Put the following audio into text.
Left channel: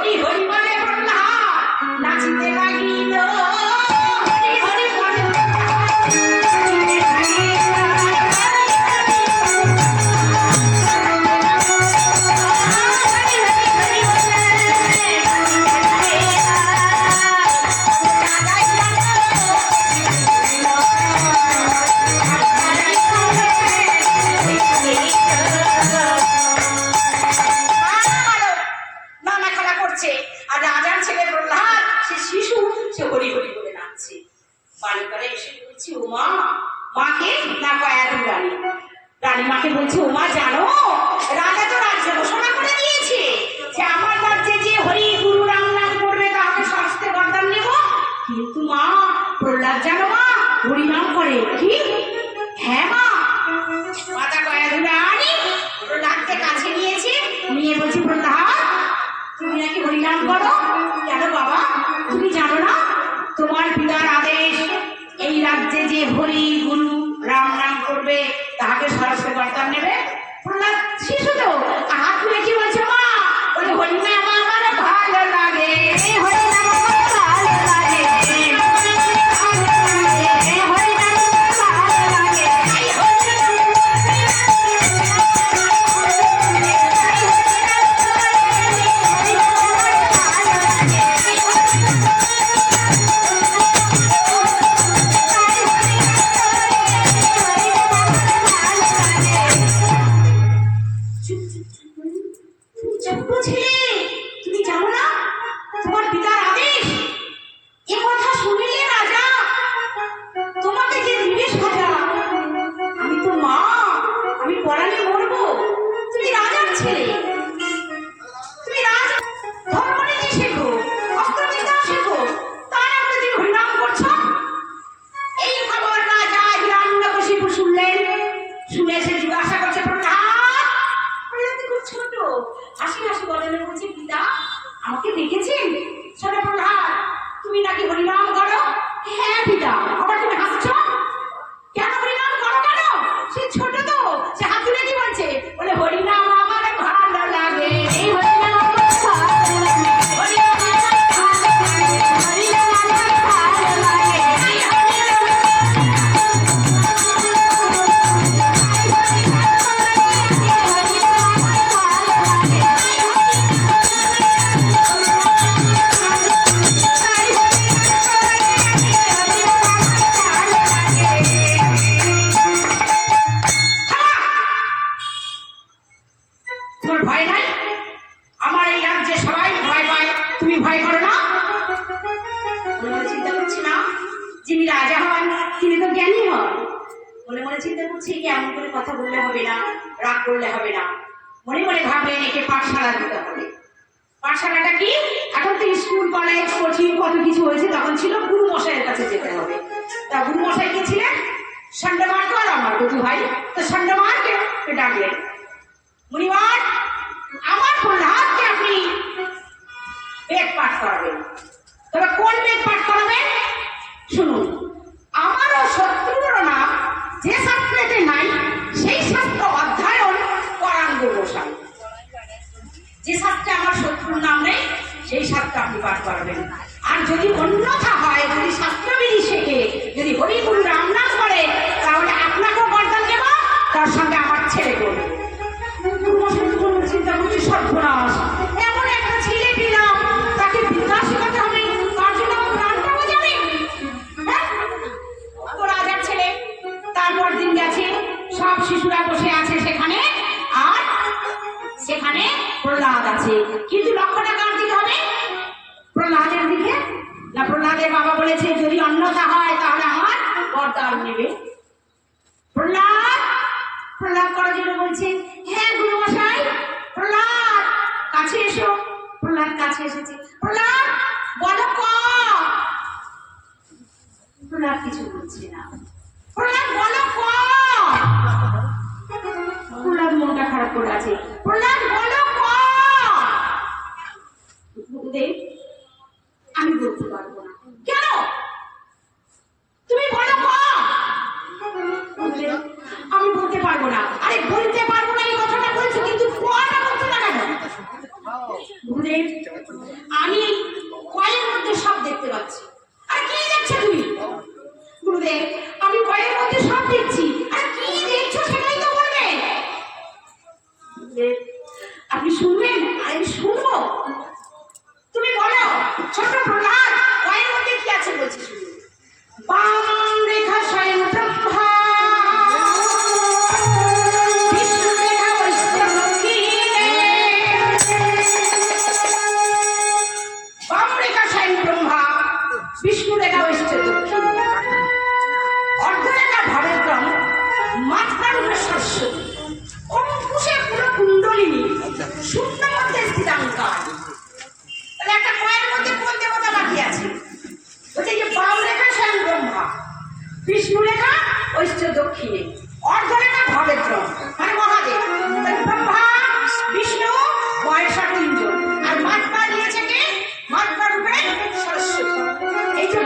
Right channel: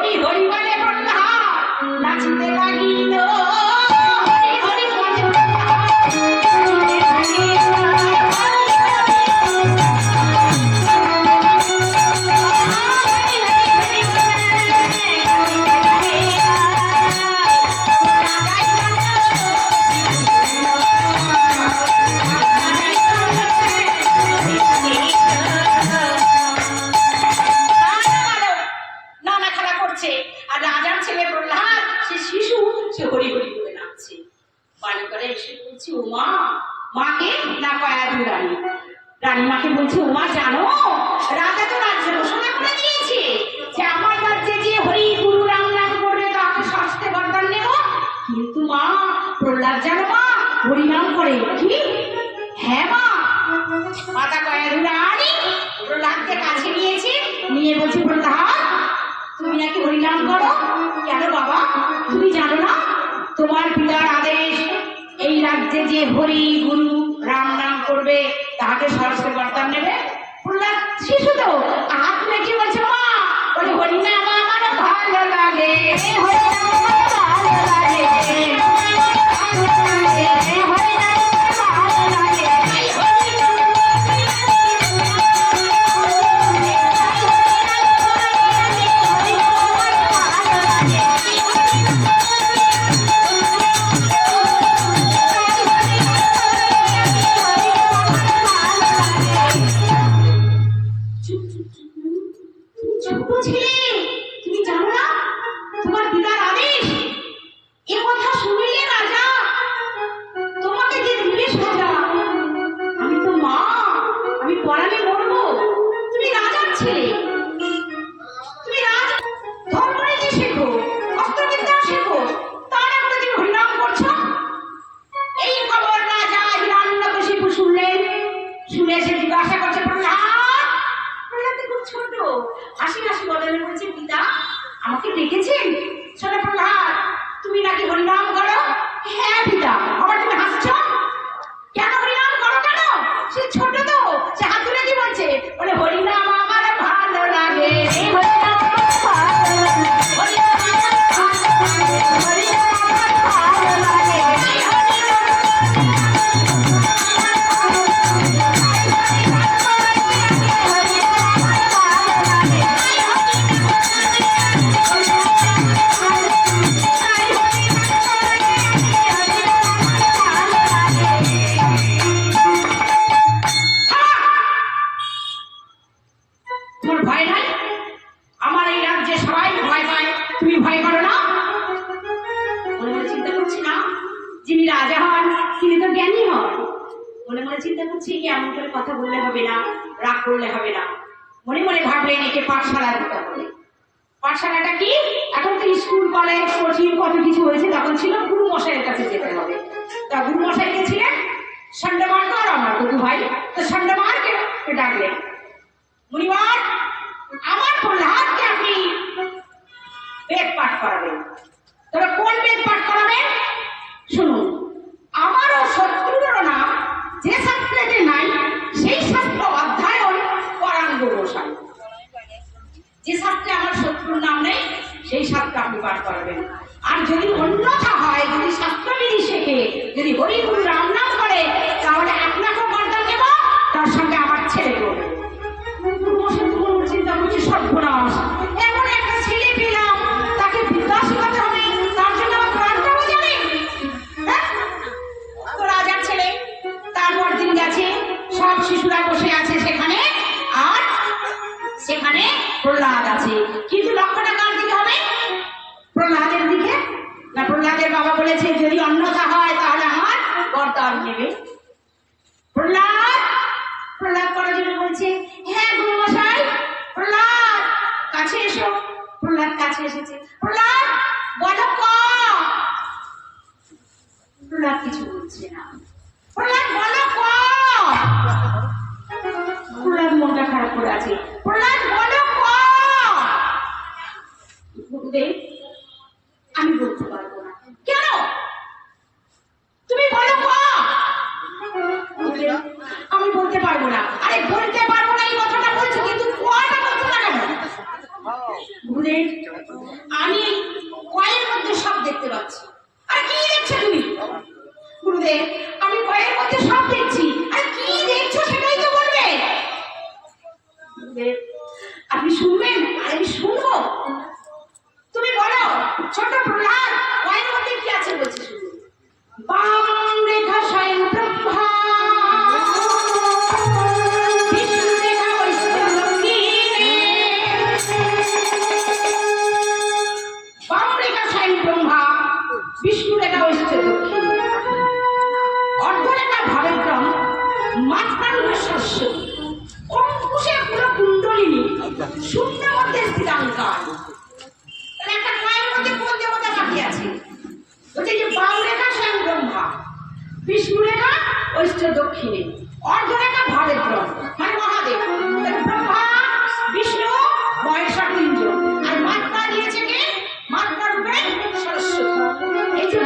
হরি হরি বলে প্রহ্লাদ নাচিতে লাগিল। হরি হরি বলে রানীমাকে বলছে, ওমা জানো রাজা তো রাজ্যে ঘোষণা করে দিয়েছে যে আমার রাজ্যে যে হরি গুরু রাম নাম করবে তাকে শাস্তে বরদান নেব। কিন্তু মা প্রহ্লাদ জানো মা হরিনাম করে। কি? হ্যাঁ মা। মাতা কয়াধু রানী প্রহ্লাদকে কাছে নিয়েছে, নিয়ে বলছে, প্রহ্লাদ তুমি নাকি হরিনাম করো? কেন বাবা তুমি জানো না তোমার পিতার আদেশ এই রাজ্যে যে হরি গুরু রাম নাম করবে তাকে শাস্তে বরদান নেবে? প্রহ্লাদ শিশু তো হাত তুলে কি বলছে, মা বলে হরিনাম আমার ভালো লাগে, হরিনাম আমার ভালো লাগে, আমাকে ডেকেছেন? শোনো প্রহ্লাদ তুমি নাকি হরিনাম করো? হ্যাঁ পিতা। আবার তুমি হাসছো কেন? হরিনাম করো কেন? সে ছোট তো, সে হাত তুলে কি বলছে, বলে হরিনাম আমার ভালো লাগে, হরিনাম আমার ভালো লাগে, হরিনাম আমার ভালো লাগে, হরিনাম আমার ভালো লাগে। কথা বললে হবে না, রাগ করলে হবে না। মনে মনে ভাবলেন একে পাঠশালা দিতে হবে। পাঠশালাটা কি? এখন তো স্কুল কলেজ কোচিং কত কিছু হয়েছে, তখন ছিল গুরু মশাইয়ের কাছে যেতে হবে। তা গুরু মশাই কে ছিলেন? ষণ্ডমার্গ আর আমার দুটো ভাই। তো ষণ্ডমার্গকে ডাকলেন, মুনিবার আমার প্রহ্লাদকে আপনি বেদ পাঠ করাবেন। তবে কোন বেদ পাঠ করাবেন শুনুন। আমারও শত্রুরও নাম যে শাস্ত্রেতে নাই সেই শাস্ত্র অধ্যয়ন করান গোসাই। যে শাস্ত্রে আমার শত্রুর নাম নেই সেই শাস্ত্র আপনি পাঠ করবেন। আর যদি অন্যথা হয়, যদি শাস্ত্রবিধি শেখে, যদি হরি গুরু রাম নাম করে, তাহলে আপনাকেও বরদান দেব, তার সঙ্গে আমার ছেলে করবে। চিন্তা করছি সর্বনাশ, এমন একটা ছেলে পেলাম তাকে বিদ্যা শেখাতে হবে, তার জন্য আমার প্রাণটাও যাবে। তো রাজার ছেলে তারপর দিন গেছে, সব শিশুরা বসে আছে সেখানে, আর সেখানে প্রহ্লাদ আছে। কিন্তু লক্ষ্যটা কার দিকে হবে? প্রহ্লাদের দিকে না? প্রহ্লাদের বাবা বলেছে যদি অন্যথা হয় তাহলে আমার বরদান নেবে। প্রহ্লাদ প্রহ্লাদ করার জন্য বলছে, হ্যাঁ গুরু মশাই। প্রহ্লাদ কাছে এসো। প্রহ্লাদ কাছে এসেছে। প্রহ্লাদ বলো ক। প্রহ্লাদ কিছু বলছে না। প্রহ্লাদ বলো ক। প্রহ্লাদ মনটা খারাপ করে আছে। প্রহ্লাদ বলো ক। গুরুদেব আমি বলতে পারবো না। কেন? তুমি বলো ক। আমি বলতে পারবো না। আরে বলতে পারবো না এই কথাটা বলছো, কিন্তু কটা বলছো না কেন? গুরুদেব বলতে আমি কয়ের মধ্যে সব দেখছি। আর কি দেখছো সেটাই তো বলবে। আপনি শুনবেন আর আমি শুনবো। তুমি বলো ছোট প্রহ্লাদ কয়ের মধ্যে কি আছে বলছি শুনুন। বাম রেখা স্বয়ং ব্রহ্মা, বিষ্ণু রেখা বৈষ্ণব দক্ষিণে। বাম রেখা স্বয়ং ব্রহ্মা, বিষ্ণু রেখা বৈষ্ণব দক্ষিণে। অর্ধরেখা ভাবের ক্রম, মাঝখানে সরস্বতী, অঙ্কুশে পুরো কুণ্ডলিনী, শূন্য মধ্যে স্থিরাঙ্কার। তাহলে একটা কয়ের মধ্যে কোন দেবতা বাকি আছে? বলছে যে বাম রেখা স্বয়ং ব্রহ্মা, বিষ্ণু রেখা বৈষ্ণব দক্ষিণে, অর্ধরেখা ভাবের ক্রম মানে মহাদেব। তাহলে ব্রহ্মা বিষ্ণু মহেশ্বর তিনজন, আর মাত্রা দিয়েছে কে? মাত্রা রূপে সরস্বতী। এই যে